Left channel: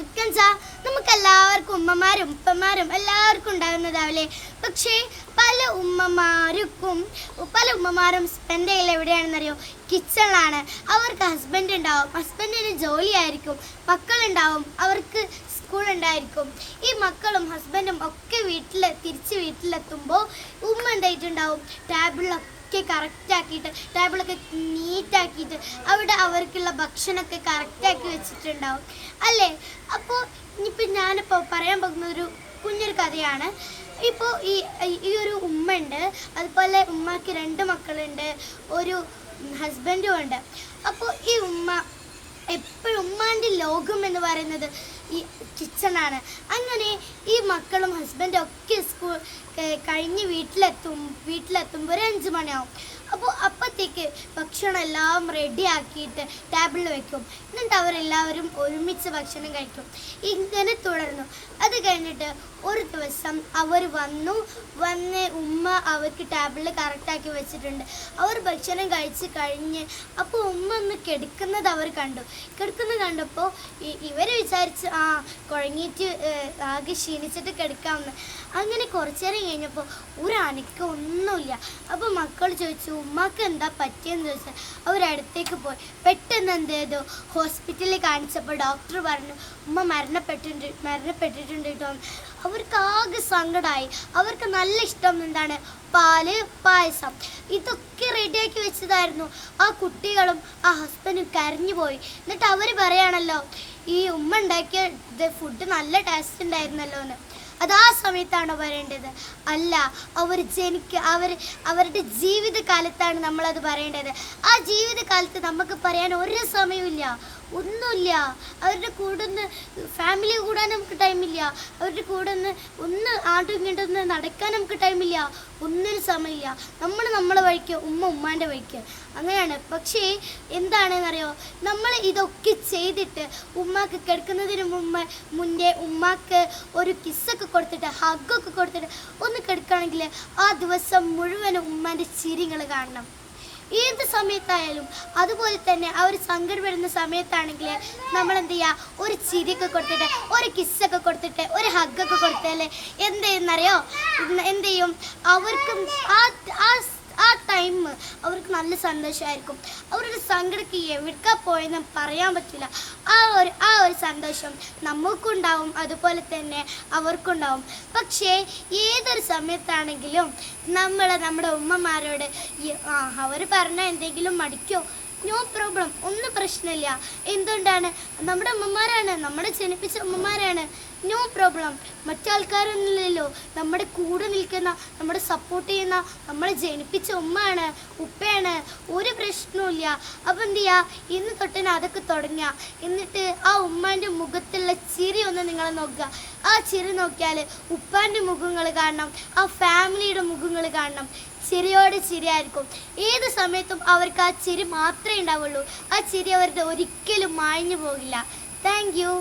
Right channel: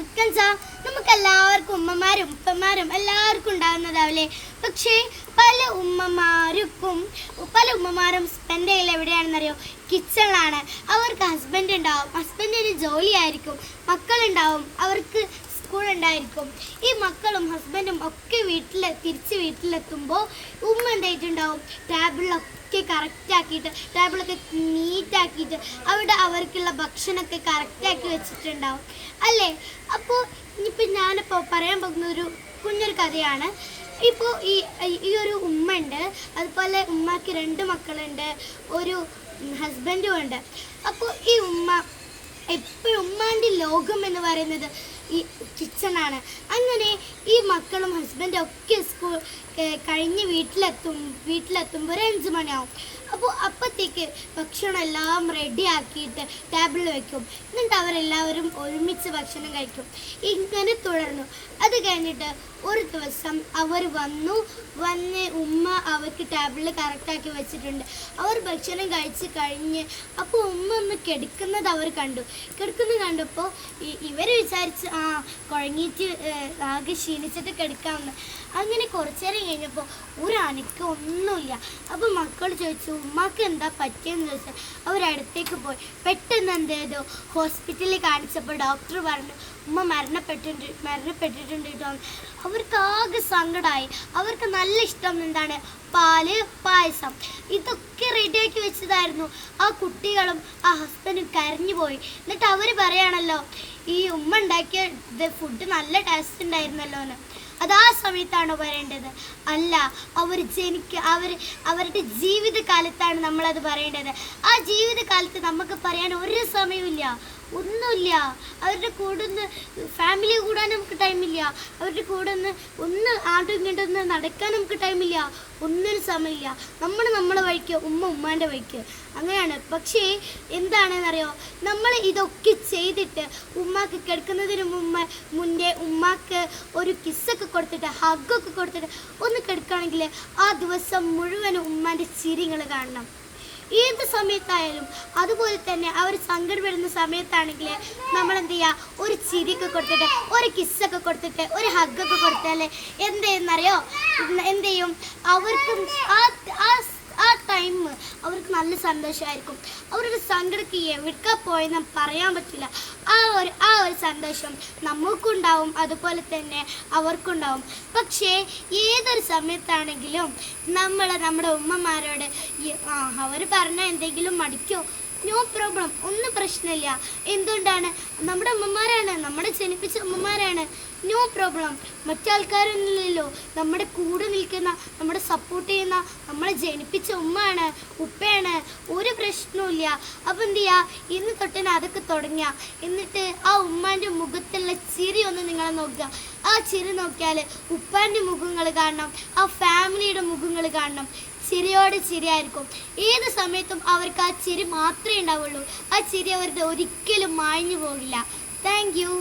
ഉത്കണ്ഠ നമുക്ക് എല്ലാവർക്കും ഉമ്മമാരും ഉപ്പമാരും എല്ലാവർക്കും ഉണ്ടാകുന്നതാവില്ലേ. പക്ഷേ പല ഉമ്മമാരും സ്പെൻഡ് ചെയ്യൽ എവിടെയാണെന്നറിയോ? കിച്ചണിലാണ്. അവർക്ക് ഹസ്ബൻഡ് ഉണ്ടാവും, ഹസ്ബൻഡിന് ജോലിയായിരിക്കും, മക്കളുണ്ടാവും, അവർക്ക് സ്കൂൾ ഉണ്ടായിരിക്കും. ഈ മക്കളും ഹസ്ബൻഡും ഒക്കെ തിരിച്ച് വീട്ടിലെത്തുമ്പോൾ ഉമ്മ എന്തായിട്ടുണ്ടാവും? ടേബിളിലൊക്കെ കറക്റ്റാക്കിയിട്ട്, ടേബിളൊക്കെ നീറ്റാക്കിയിട്ട് അവിടെ അവർക്കുള്ള ഭക്ഷണമൊക്കെ കറക്റ്റാക്കി വെച്ചിട്ടുണ്ടാവും അല്ലേ? അപ്പോൾ ഇനിയിപ്പോൾ ഞാനിപ്പോൾ പറയാൻ പോകുന്ന ഒരു കുഞ്ഞൊരു കഥയാണ്. ഇപ്പോൾ ഈ ഒരു ഉമ്മ ഉണ്ട്, അതുപോലെ ഉമ്മക്ക് 2 മക്കളുണ്ട്, ഒരു ഹസ്ബൻഡും ഉണ്ട്. അപ്പോൾ ഈ ഉമ്മ എപ്പോഴും ഉമ്മാൻ്റെ ലോകം എന്ന് പറയുന്നത് ഈ കിച്ചണാണ്. അങ്ങനെ ഈ മക്കളും ഹസ്ബൻഡും ഒക്കെ സ്കൂൾ കഴിഞ്ഞ് വീട്ടിലെത്തുമ്പോൾ ഒരു 5 മണിയാവും. അപ്പോൾ അപ്പോഴത്തേക്ക് ഭക്ഷണം എല്ലാം റെഡി ആക്കിയിട്ട് ടേബിളിൽ വെക്കും. എന്നിട്ട് അവരെല്ലാവരും ഒരുമിച്ച് ഭക്ഷണം കഴിക്കും. ഇങ്ങനെ തുടർന്നു. അത് കഴിഞ്ഞിട്ട് ഒരു ദിവസം അവർ വന്ന് ഉമ്മ അവർക്ക് ടേബിളിൽ കറക്റ്റാക്കി വെച്ചിട്ടുണ്ട്. അവർ ഭക്ഷണം കഴിച്ച് കഴിഞ്ഞ് അപ്പോൾ ഉമ്മ ഒന്ന് കിടക്കുന്നത് അവർ കണ്ടപ്പോൾ ഇവർ വിചാരിച്ച് കുഴങ്ങിയിട്ട് ആകെ ക്ഷീണിച്ചിട്ട് കിടക്കാമെന്ന്. അങ്ങനെ കുറച്ചു നേരം കഴിഞ്ഞപ്പോൾ ഒരു അനക്കം ഒന്നുമില്ല. അപ്പോൾ മക്കൾ ചോദിച്ചു ഉമ്മക്ക് എന്താ പറ്റിയെന്ന് ചോദിച്ചാൽ അവരടുത്തേക്ക് പോയി. പെട്ടെന്ന് എന്ത് ചെയ്തു? ഹോസ്പിറ്റലിൽ കാണിച്ചപ്പോൾ ഡോക്ടർ പറഞ്ഞു ഉമ്മ മരണപ്പെട്ടിട്ടുണ്ട് കേട്ടോ. അവർക്ക് ആകെ സങ്കടമായി. അവർക്ക് നല്ല ഇഷ്ടം എന്താണ്? പാല്, പായസം, ഇതൊക്കെ റെഡിയാക്കി വെച്ചതായിരുന്നു. ആ കുട്ടികളും ആ ഹസ്ബൻഡും കരഞ്ഞു പോയി. എന്നിട്ട് അവർ പറയാണല്ലോ ഈ ഉമ്മ ഉണ്ടാക്കിയ ഫുഡ് നല്ല ടേസ്റ്റ് ഉണ്ടായിരുന്നല്ലോ എന്ന്. അത് ആ സമയത്താണോ പറയേണ്ടത്? അല്ല, അവരുടെ ജീവിതകാലത്താണ് നമ്മളത് പറയേണ്ടത്. ആ ജീവിതകാലത്ത് നമുക്ക് പറയാൻ ഒരു സമയമില്ല, ഒന്നുമില്ല. അവരുടെ കൂടെ ഒന്ന് ഫാമിലി കൂടാൻ നമുക്ക് ടൈമില്ല, അവരുടെ കൂടെ ഒന്ന് ആണ്ടും ഇങ്ങോട്ടൊന്ന് നടക്കാൻ നമുക്ക് ടൈമില്ല, ഒന്നിനും സമയമില്ല. നമ്മളെ വഴിക്ക്, ഉമ്മാൻ്റെ വഴിക്ക്, അങ്ങനെയാണ്. പക്ഷേ എന്താണെന്നറിയോ? നമ്മൾ ഇതൊക്കെ ചെയ്തിട്ട് ഉമ്മാക്ക് കിടക്കുന്നതിന് മുന്നേ ഉമ്മാക്ക് ഒരു കിസ്സൊക്കെ കൊടുത്തിട്ട്, ഹഗ്ഗൊക്കെ കൊടുത്തിട്ട് ഒന്ന് കിടക്കുകയാണെങ്കിൽ ആ ദിവസം മുഴുവനും ഉമ്മാൻ്റെ ചിരികൾ കാണണം. ഏത് സമയത്തായാലും അതുപോലെ തന്നെ അവർ സങ്കടം വരുന്ന സമയത്താണെങ്കിൽ നമ്മൾ എന്ത് ചെയ്യുക? ഒരു ചിരിയൊക്കെ കൊടുത്തിട്ട്, ഒരു കിസ്സൊക്കെ കൊടുത്തിട്ട്, ഒരു ഹഗ്ഗൊക്കെ കൊടുത്താൽ എന്ത് ചെയ്യുന്നറിയോ? എന്ത് ചെയ്യും? അവർക്കും ആ ടൈം അവർക്ക് നല്ല സന്തോഷമായിരിക്കും. അവരുടെ സങ്കടക്ക് എവിടേക്കാ പോയെന്ന് പറയാൻ പറ്റില്ല. ആ ഒരു സന്തോഷം നമുക്കുണ്ടാവും, അതുപോലെ തന്നെ അവർക്കുണ്ടാവും. പക്ഷേ ഏതൊരു സമയത്താണെങ്കിലും നമ്മുടെ ഉമ്മമാരോട് അവർ പറഞ്ഞാൽ എന്തെങ്കിലും മടിക്കോ? നോ പ്രോബ്ലം, ഒന്നും പ്രശ്നമില്ല. എന്തുകൊണ്ടാണ്? നമ്മുടെ അമ്മമാരാണ്, നമ്മളെ ജനിപ്പിച്ച അമ്മമാരാണ്. No problem. മറ്റാൾക്കാരൊന്നുമില്ലല്ലോ. നമ്മുടെ കൂടെ നിൽക്കുന്ന, നമ്മുടെ സപ്പോർട്ട് ചെയ്യുന്ന, നമ്മളെ ജനിപ്പിച്ച ഉമ്മയാണ്, ഉപ്പയാണ്. ഒരു പ്രശ്നവുമില്ല. അപ്പം എന്ത് ചെയ്യുക? ഇന്ന് തൊട്ടന്നെ അതൊക്കെ തുടങ്ങുക. എന്നിട്ട് ആ ഉമ്മാൻ്റെ മുഖത്തുള്ള ചിരി ഒന്ന് നിങ്ങൾ നോക്കുക. ആ ചിരി നോക്കിയാൽ ഉപ്പാൻ്റെ മുഖങ്ങൾ കാണണം, ആ ഫാമിലിയുടെ മുഖങ്ങൾ കാണണം. ചിരിയോട് ചിരിയായിരിക്കും. ഏത് സമയത്തും അവർക്ക് ആ ചിരി മാത്രമേ ഉണ്ടാവുള്ളൂ. ആ ചിരി അവരുടെ ഒരിക്കലും മാഞ്ഞു പോകില്ല. Thank you.